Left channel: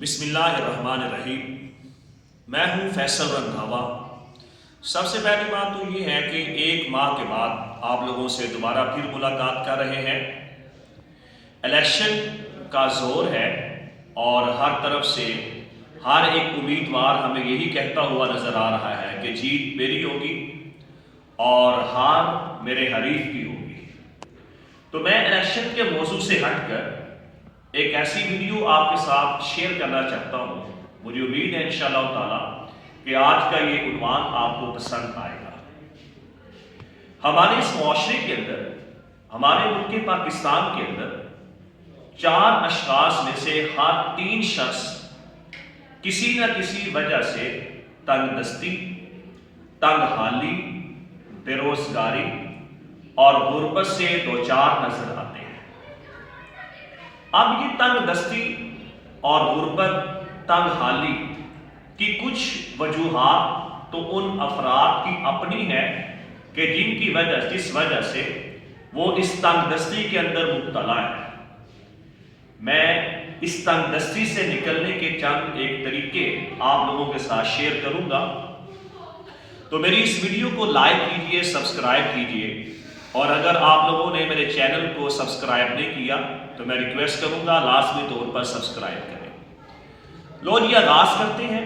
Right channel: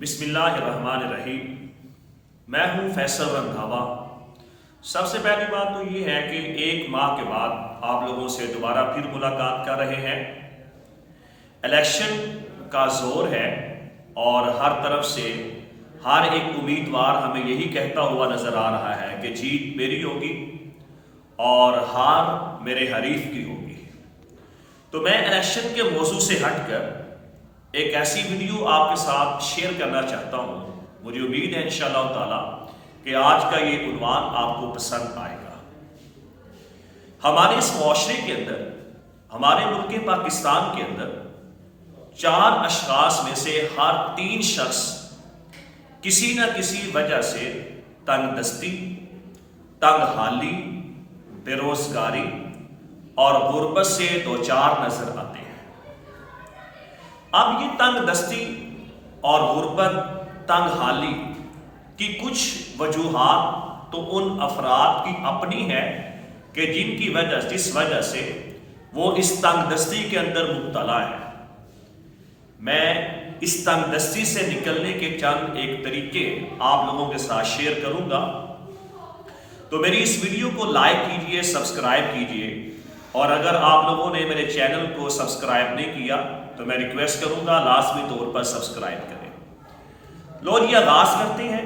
بسم اللہ الرحمن الرحیم۔ میں ہوں فیصل رندھاوا۔ سب سے پہلی بات تو یہ ہے کہ 1 ماہ کے بعد آپ لوگوں سے دوبارہ پھر ملاقات کر رہے ہیں۔ الیکشن کا زور ہے اور ہر طرف سے ہر ایک امیدوار ہمیں یہی کہتا ہوا نظر آ رہا ہے کہ جیت میری ہوگی اور ہار میرے حریف کی ہوگی۔ تو میں الیکشن کے موضوع سے ہٹ کر ایک ایسی ویڈیو آپ کے ساتھ شیئر کرنا چاہتا ہوں۔ مجھے امید ہے انشاءاللہ تعالی کہ آج کا یہ عنوان آپ کو پسند آئے گا۔ ہمارے اس معاشرے کے اندر، ہمارے ملک پاکستان کے اندر 4 اشخاص میں سے ہر 3 شخص کسی نہ کسی وجہ سے تنگ دستی، تنگ حالی، بے روزگاری اور غربت سے دوچار نظر آتے ہیں۔ اب یہ تنگ دستی اور غربت، تنگ حالی کی کچھ وجوہات تو ان افراد کی اپنی ہے کہ جس وجہ سے وہ اس تنگ دستی کے اندر مبتلا ہے۔ میں اس تنگ دستی سے نکلنے کے چند ایک طریقے آپ لوگوں کے ساتھ شیئر کروں گا۔ تو میری اس ویڈیو کو لائک کیجئے، سبسکرائب کیجئے، اور اگر آپ لوگوں نے میرے چینل کو سبسکرائب نہیں کیا تو میں ریکویسٹ کروں گا لازمی طور پر سبسکرائب کریں۔ لو جی، آغاز کرتے ہیں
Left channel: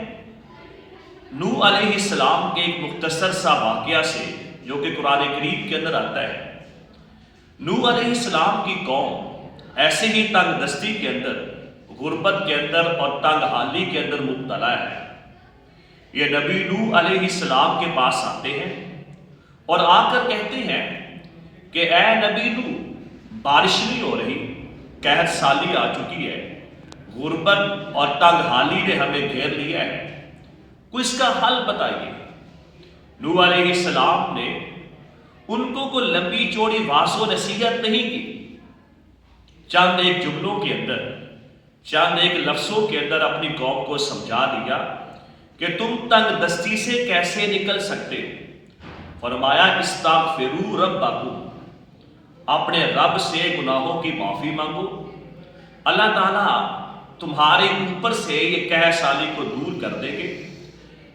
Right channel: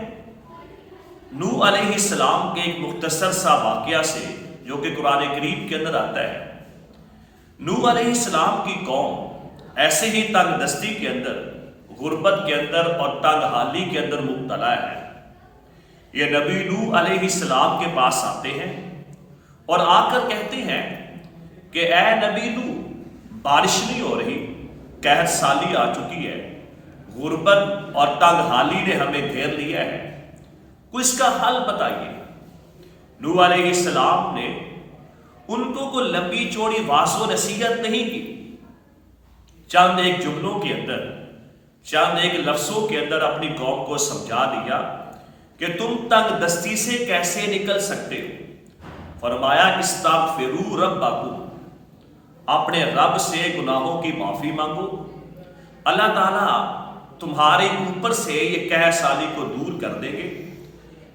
نوح علیہ السلام کے ایک مختصر سا واقعہ سے جو کہ قرآن کریم کے اندر آتا ہے۔ نوح علیہ السلام کی قوم ایسے ہی تنگ دستی کے اندر، غربت کے اندر اور تنگ حالی کے اندر مبتلا ہے۔ یہ نبی نوح علیہ السلام کے پاس آتے ہیں اور آ کر کہتے ہیں کہ اے نبی نوح، بارش نہیں ہو رہی، قحط سالی آ چکی ہے، غربت اور تنگ حالی نے ہمیں گھیر لیا ہے، کوئی اس کا حل بتائیے۔ نوح علیہ السلام نے ان کو کوئی لمبی چوڑی واضح و نصیحت نہیں کی، چند ایک جملوں کے اندر، چند ایک لفظوں کے اندر اپنی قوم کو سمجھا دیا کہ تم تنگ دستی سے کیسے نکل سکتے ہو۔ فرمایا استغفروا ربکم، اپنے رب سے گناہوں کی معافی مانگو، اللہ تعالیٰ تمہارے اوپر سے یہ قحط سالی کو دور کر دیں گے،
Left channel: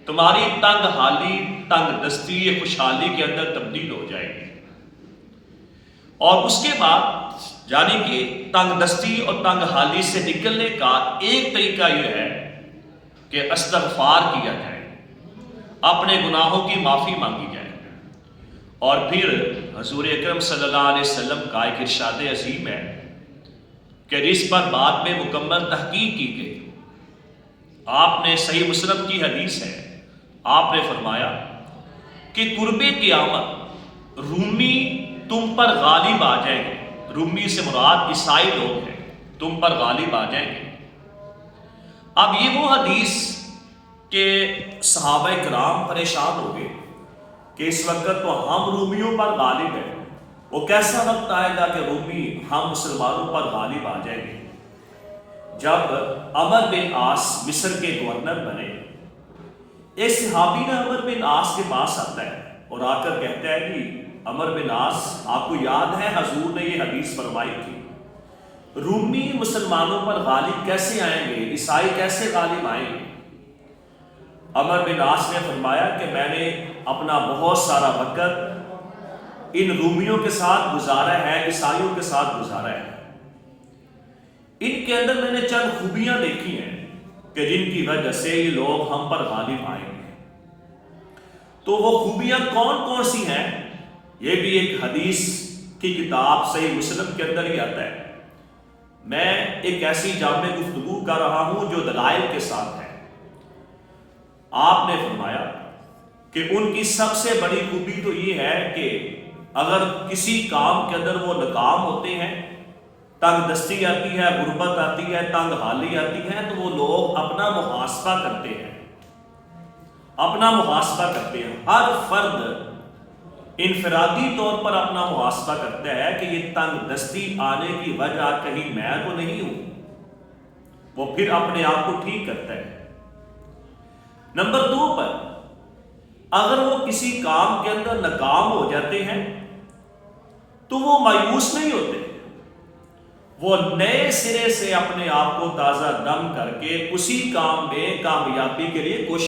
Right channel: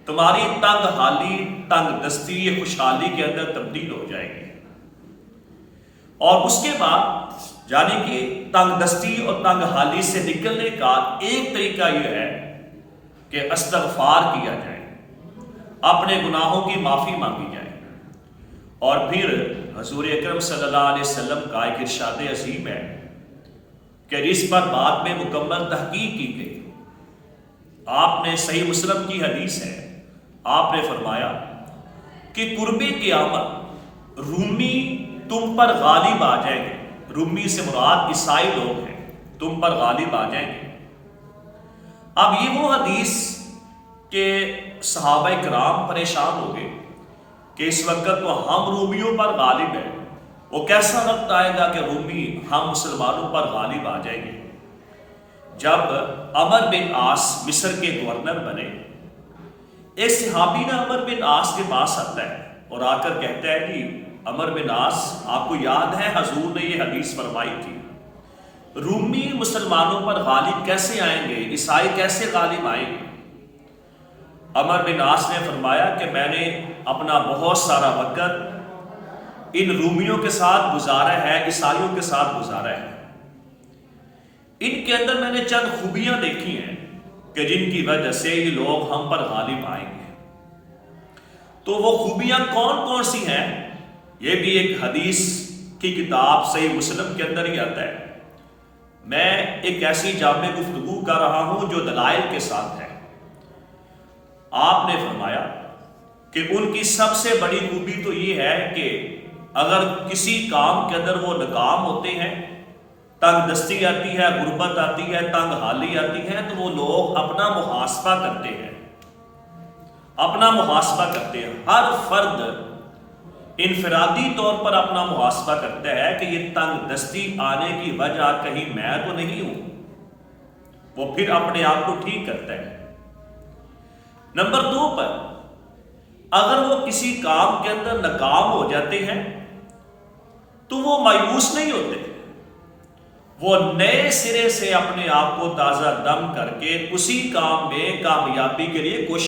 تمہاری تنگ حالی، تنگ دستی یہ خوشحالی کے اندر تبدیل ہو جائے گی۔ اور اس کے بعد یعنی کہ تنگ دستی اور تنگ حالی سے نکلنے کا ایک طریقہ یہ ہے کہ استغفار کیا جائے، اپنے گناہوں کی معافی مانگی جائے۔ اور پھر حضور اکرم صلی اللہ علیہ وسلم کا ایک ارشاد عظیم ہے کہ جس پر بعد میں مکمل تحقیق کی گئی۔ آپ نے صحیح مسلم کی حدیث ہے، آپ نے فرمایا کہ قرب قیامت رومی تم پر غالب آ جائیں گے۔ رومی سے مراد عیسائی لوگ ہیں، تم پر غالب آ جائیں گے۔ اب یہ وہ حدیث کہ صحابہ کرام پریشان ہو گئے کہ اس وقت تو ہم رومیوں پر غالب ہیں، وہ کیسا وقت آئے گا کہ رومی ہم مسلمانوں پر غالب آ جائیں گے۔ جب عمر بن عاص مصر کے گورنر بنے، ایک صحابی نا عمر بن عاص کے پاس آتا ہے اور آ کر کہتا ہے کہ عمر بن عاص، آپ کو یاد ہے حضور نے یہ حدیث فرمائی تھی، رومی مسلمانوں پر غالب کیسے آئیں گے، عیسائی کیسے غالب آئیں گے؟ عمر بن عاص نے فرمایا کہ میں نے اپنا بہت سارا وقت ان رومیوں کے ساتھ گزارا ہے، عیسائیوں کے ساتھ گزارا ہے، ان کے اندر میں نے چند خوبیاں دیکھی ہیں کہ جن کی وجہ سے یہ لوگ ہم پر غالب آئیں گے۔ تو وہ خوبیاں کون کون سی ہیں، یہ بھی ایک حدیث کی کتاب صحیح مسلم کے اندر ہی آتا ہے۔ میں ایک ایسی جامع گفتگو کر رہا ہوں جو دلائل کے ساتھ ہے۔ آپ نے فرمایا کہ ان کی سب سے بڑی خوبی تو یہ ہے کہ اگر کسی کام کے اندر وہ ناکام ہوتے ہیں، تنگ دستی آتی ہے، غربت آتی ہے، تنگ حالی آتی ہے، تو وہ لوگ اپنا محاسبہ کرتے ہیں، اپنا محاسبہ کرتے ہیں۔ ہر فرد انفرادی طور پر اپنا محاسبہ کرتا ہے کہ یہ تنگ دستی آنے کی وجہ کہیں میں تو نہیں ہوں، وہ پھر اپنے آپ کو ٹھیک کرتا ہے۔ نمبر 2 پر اگر وہ کسی کام کے اندر ناکام ہو جاتے ہیں تو وہ مایوس نہیں ہوتے، وہ نئے سرے سے اپنے آپ کو تازہ دم کر کے اسی کام میں کامیابی کے لیے کوشش